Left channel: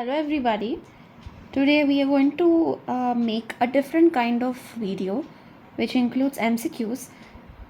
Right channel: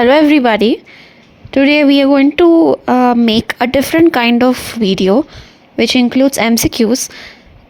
Hello everybody. Today we are going to make a different kind of video which includes MCQs.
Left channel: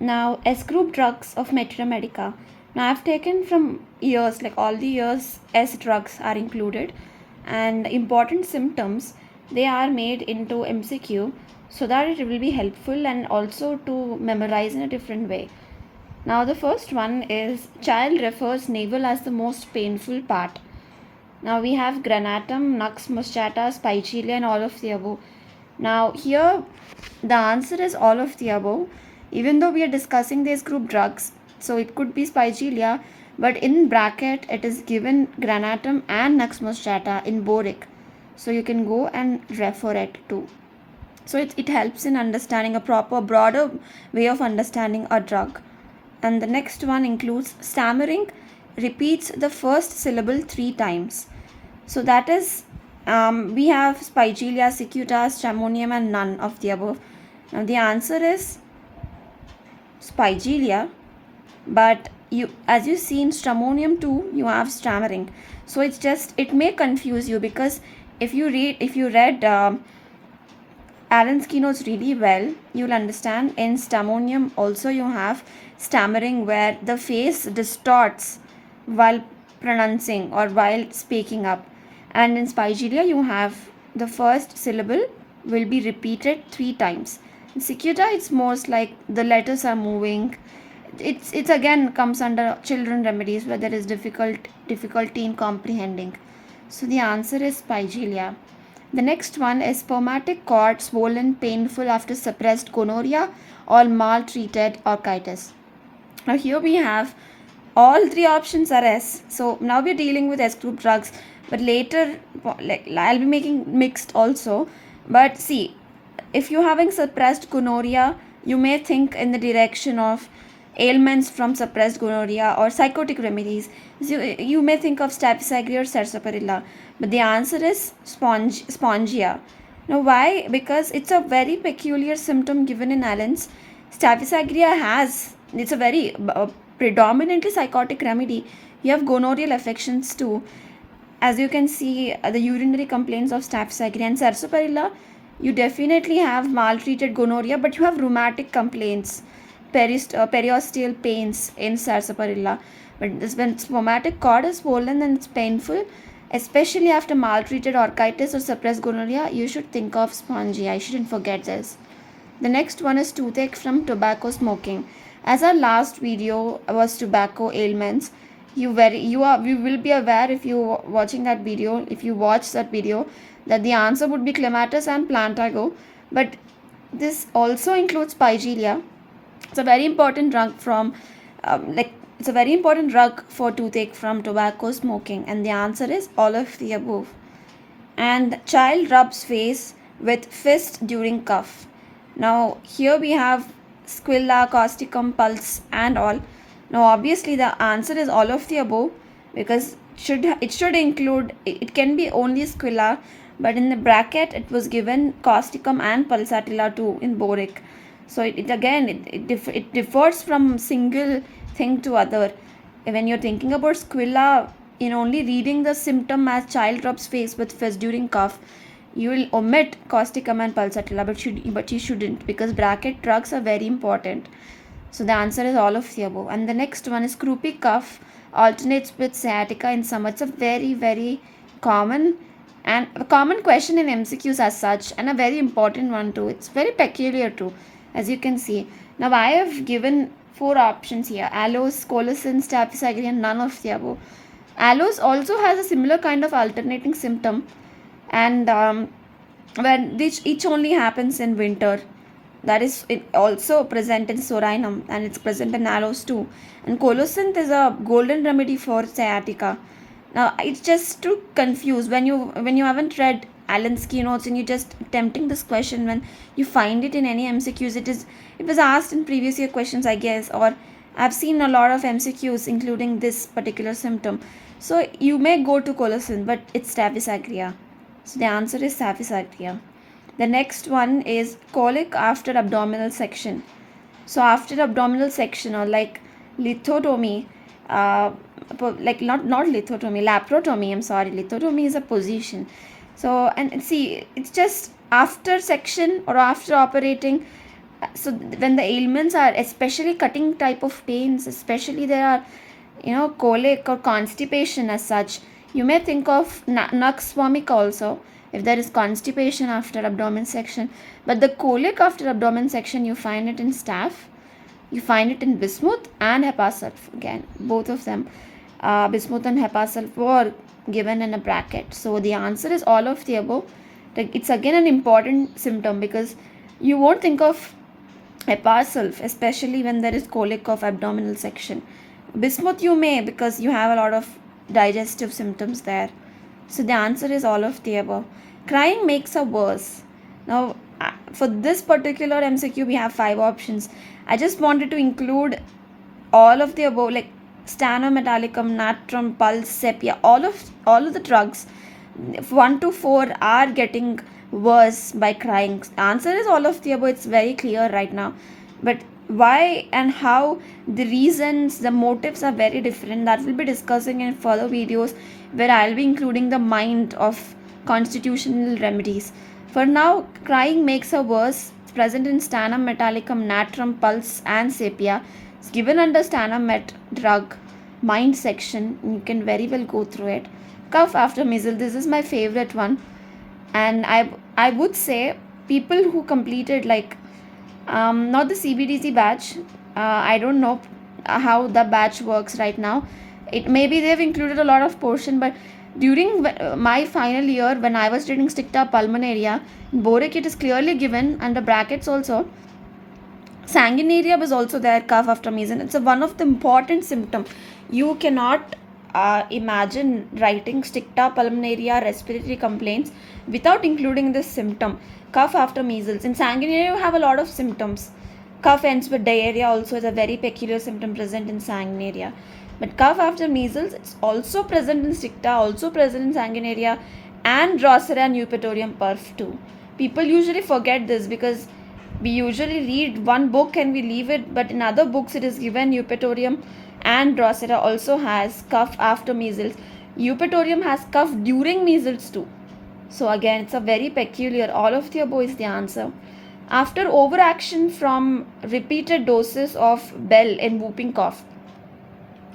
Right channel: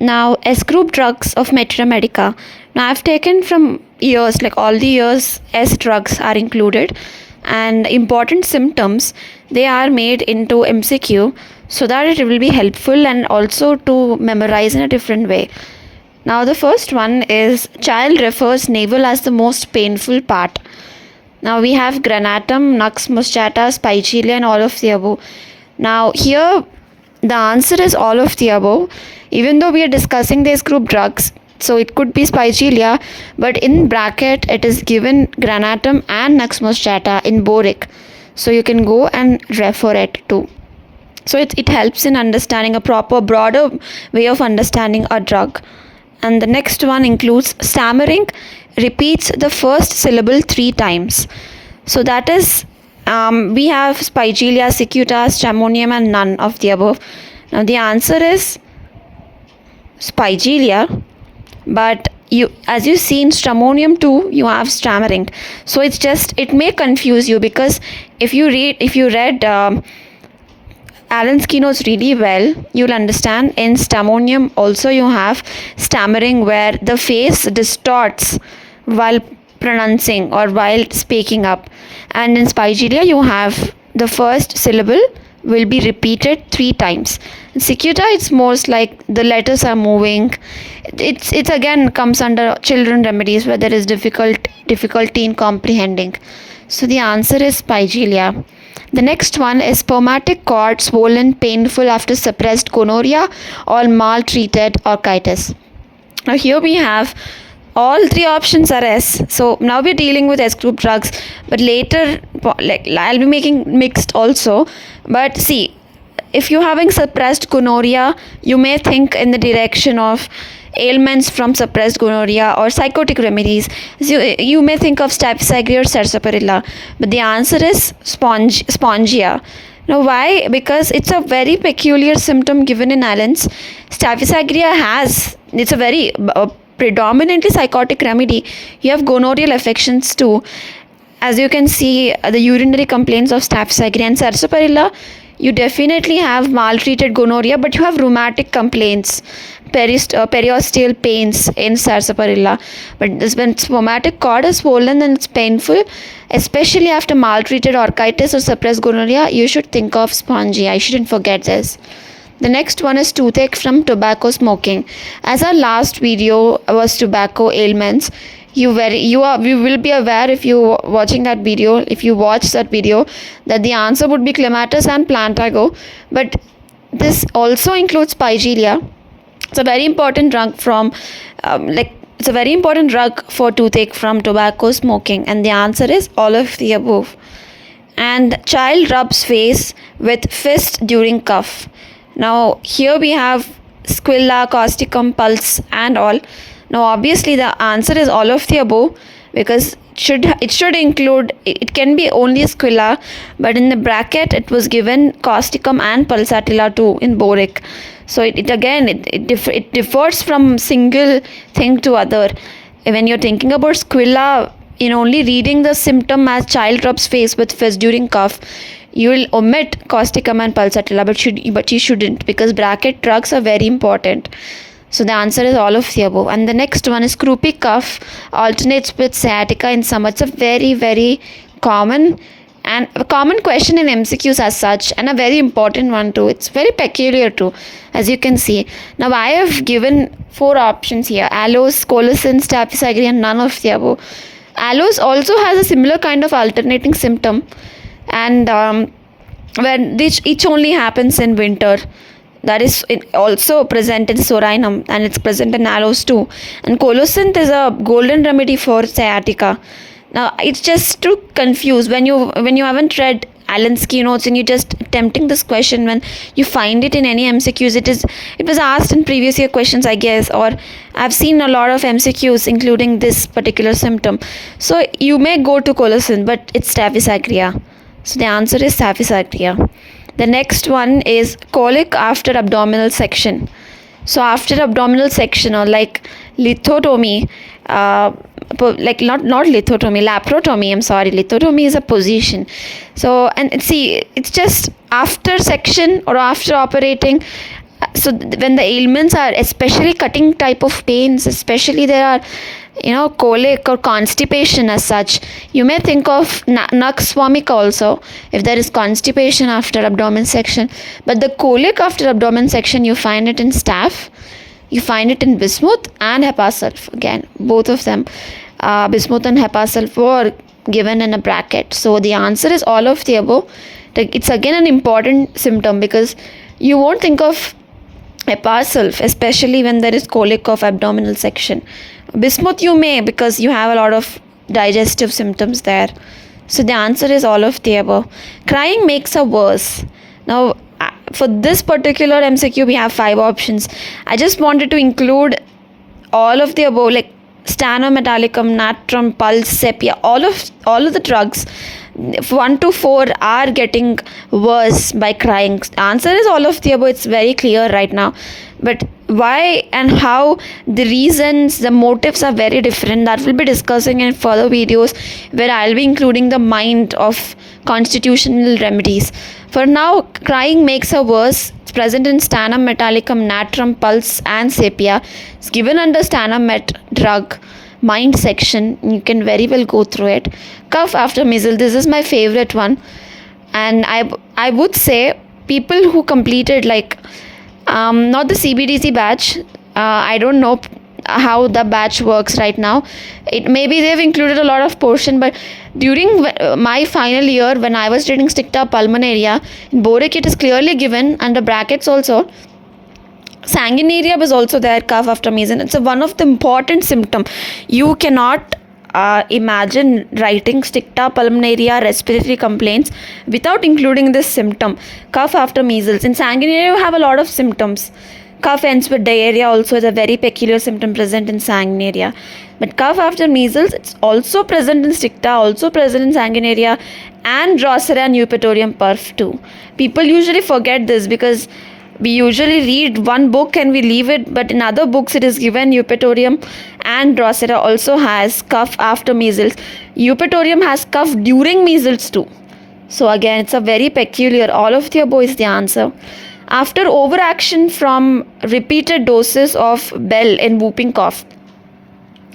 Now S group drugs of Materia Medica. Now I've taken from years, like all the years S drugs are included, and important symptoms they are made into MCQ so that it will be helpful and also to memorize in a different way. Now the first one is child refers navel as the most painful part. Now we have granatum, nux moschato, spigelia and all of the above. Now here the answer is all of the above. Even though we are discussing these group drugs, so it could be spigelia, but in bracket it is given granatum and nux moschato in boric. So you can go and refer it too. So it helps in understanding a proper broader way of understanding a drug. And the next one includes stammering repeats the first syllable 3 times. So that is we have spigelia, cicuta, stramonium and none of the above. Now the answer is spigelia, but you, as you see in stramonium too, you have stammering. So it may confuse you, because if you read Allen's keynotes really well, you'll understand in stramonium also you have stammering where the face distorts while pronouncing or while speaking up, and in spigelia you have the first syllable will be repeated 3 times. In cicuta it's most like the letters are moving. It's again comes under children remedies where there is difficulty in comprehending. So the answer is spigelia. The next one is spermatic cord swollen, painful after suppressed gonorrhea or maltreated orchitis. Now here we have all 3 options are S. So now we're dealing with S group drugs, but later I'll be making mixed also. But see, if you're having suppressed gonorrhea, you may think in the direction of ailments from suppressed gonorrhea or psychotic remedies. So you may think of staphysagria or sarsaparilla, but the answer is spongia. Now why? Because it's a very peculiar symptom given in Allen's. Staphysagria it's a very predominantly psychotic remedy. You have gonorrheal affections too. As you can see, the urinary complaints of staphysagria and sarsaparilla, you definitely have maltreated gonorrhea, but you have rheumatic complaints, periosteal pains in sarsaparilla. But when spermatic cord is swollen and it's painful, especially after maltreated orchitis or suppressed gonorrhea, you should think of spongia. I shouldn't forget this. The next one is toothache from tobacco smoking. As our last video was tobacco ailments, you will be aware if you watching that video, if you watch that video, that the answer would be clematis and plantago. But this also includes spigelia. It's a very important drug from it's a very important drug for toothache from tobacco smoking, and the answer is all of the above. And child rubs face with fist during cough. Now here we have squilla, causticum, pulse and all. Now obviously the answer is all of the above, because it should include, it can be only squilla, but in the bracket it was given causticum and pulsatilla too in boric. So it differs from single thing to other. When you're thinking about squilla, in only reading the symptom as child rubs face with fist during cough, you will omit causticum and pulsatilla, but you shouldn't, because bracket drugs are very important. So the answer is all of the above. And the next one is croupy cough alternates with sciatica in summer. It's a very, very common question in MCQs as such, and a very important one too. It's very peculiar too, as you can see. Now I have given 4 options here: aloes, colocin, staphysagria and none of the above. Aloes also has a similar kind of alternating symptom, and when each only happens in winter. That is also present in sorinum, and it's present in aloes too. And colocin is a golden remedy for sciatica. Now it's just to confuse when you haven't read Allen's keynotes and you're just attempting this question, when you find it in any MCQs, it was asked in previous year questions, I guess, or I've seen a lot of MCQs including this particular symptom. So you may go to colocin, but it's staphysagria. So the answer is staphysagria. The next one is colic after abdominal section. So after abdominal section, or like lithotomy, like not lithotomy, laparotomy, I'm sorry, lithotomy is a position. So, and see, it's just after section or after operating. So when the ailments are especially cutting type of pains, especially there are colic or constipation as such, you may think of nux vomica also if there is constipation after abdomen section. But the colic after abdomen section, you find it in staph, you find it in bismuth and hepasulf. Again, both of them, bismuth and hepasulf, were given in a bracket. So the answer is all of the above. It's again an important symptom because you won't think of hepasulf, especially when there is colic of abdominal section. Bismuth you may, because you have a lot of digestive symptoms there. So the answer is all of the above. Crying makes her worse. Now, for this particular MCQ, we have 5 options. I just wanted to include all of the above, like stanometallicum, natrum, pulse, sepia, all of the drugs. 1 to 4 are getting worse by crying. Answer is all of the above. It's very clear right now. But why and how, the reasons, the motives are very different. That will be discussing in further videos where I'll be including the mind of constitutional remedies. For now, crying makes her worse. It's present in sternum metallicum, natrum, pulse and sepia. It's given under sternum met drug, mind section. You can very well go through it. Cough after measles. This is my favorite one. And I would say people who completed not the CBDC batch. I don't know how the batch works right now. It maybe they've included a lot of portion, but during my final year when I was reading Sticta pulmonaria, in boric it is clearly given under brackets also. Sanguinaria was also there, cough after measles. It's one of the important symptom. You cannot imagine writing Sticta pulmonaria respiratory complaints without including this symptom, cough after measles. In sanguinaria, you have a lot of symptoms. Cough ends with diarrhea also is a very peculiar symptom present in sanguinaria. But cough after measles, it's also present in Sticta, also present in sanguinaria, and Drosera and Eupatorium perf too. People usually forget this because we usually read one book and we leave it, but in other books it is given Eupatorium and Drosera also has cough after measles. Eupatorium has cough during measles too. So again, it's a very peculiar. All of the above is the answer. After overaction from repeated doses of bell in whooping cough.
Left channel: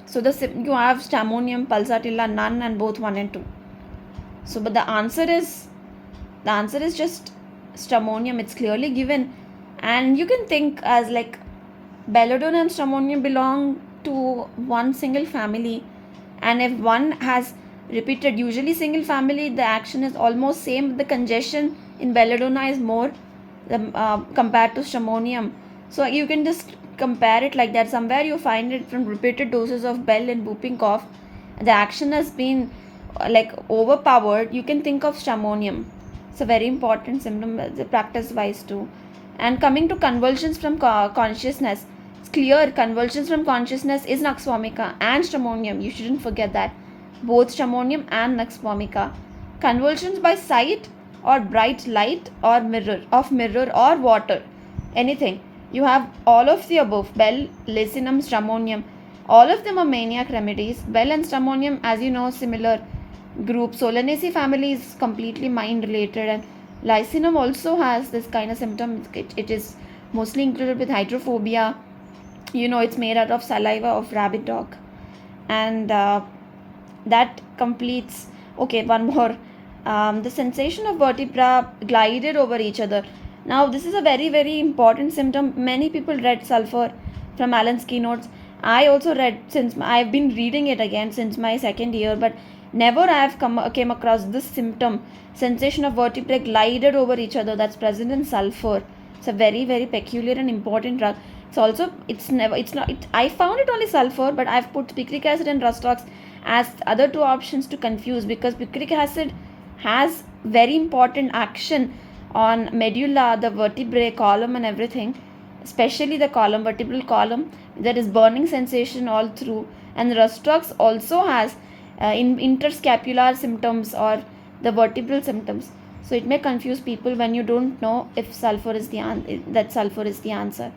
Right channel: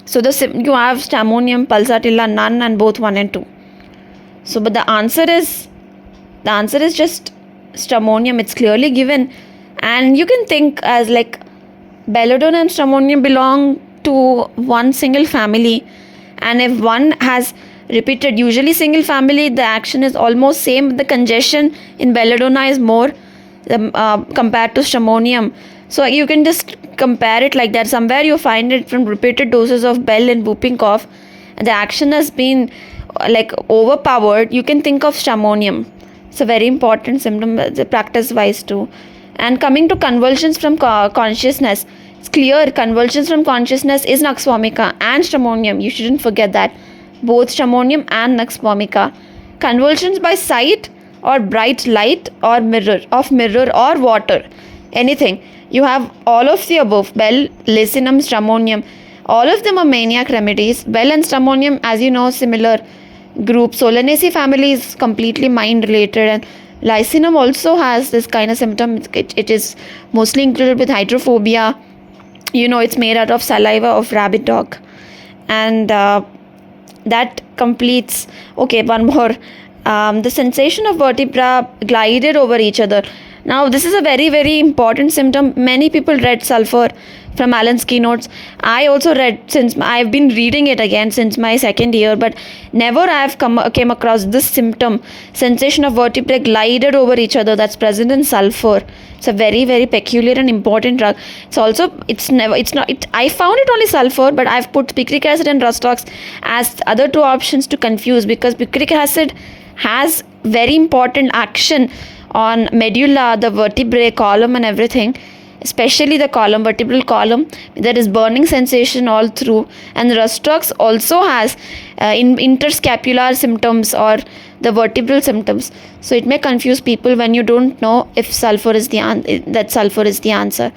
So you have Stamonium, Pulsatilla, none, and both 1 and 2. So but the answer is just Stamonium. It's clearly given. And you can think as like Belladonna and Stramonium belong to one single family, and if one has repeated, usually single family, the action is almost same. The congestion in Belladonna is more compared to Stramonium. So you can just compare it like that. Somewhere you find it from repeated doses of bell and whooping cough, the action has been overpowered. You can think of Stramonium. It's a very important symptom, practice wise too. And coming to convulsions from consciousness, it's clear convulsions from consciousness is nux vomica and Stramonium. You shouldn't forget that. Both Stramonium and nux vomica. Convulsions by sight or bright light or mirror or water. Anything. You have all of the above. Bell, Lycinum, Stramonium. All of them are maniac remedies. Bell and Stramonium, as you know, similar group. Solanaceae family is completely mind related, and Lycinum also has this kind of symptom. It is mostly included with hydrophobia. It's made out of saliva of rabbit dog. And that completes. Okay, one more. The sensation of vertebra glided over each other. Now, this is a very, very important symptom. Many people read sulfur from Allen's keynotes. I also read, since I've been reading it again since my second year, but never I've came across this symptom, sensation of vertebrae glided over each other, that's present in sulfur. It's a very, very peculiar and important drug. I found it only sulfur, but I've put picric acid and rustox as other 2 options to confuse, because picric acid has very important action on medulla, the vertebrae column and everything, especially the column, vertebral column. There is burning sensation all through, and rustox also has interscapular symptoms or the vertebral symptoms. So it may confuse people when you don't know if sulfur is the answer.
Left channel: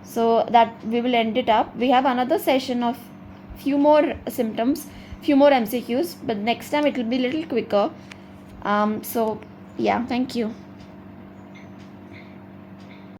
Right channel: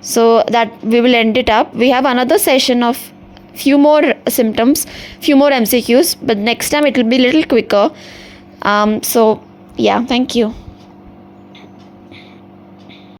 So that we will end it up. We have another session of few more symptoms, few more MCQs, but next time it will be a little quicker. So yeah, thank you.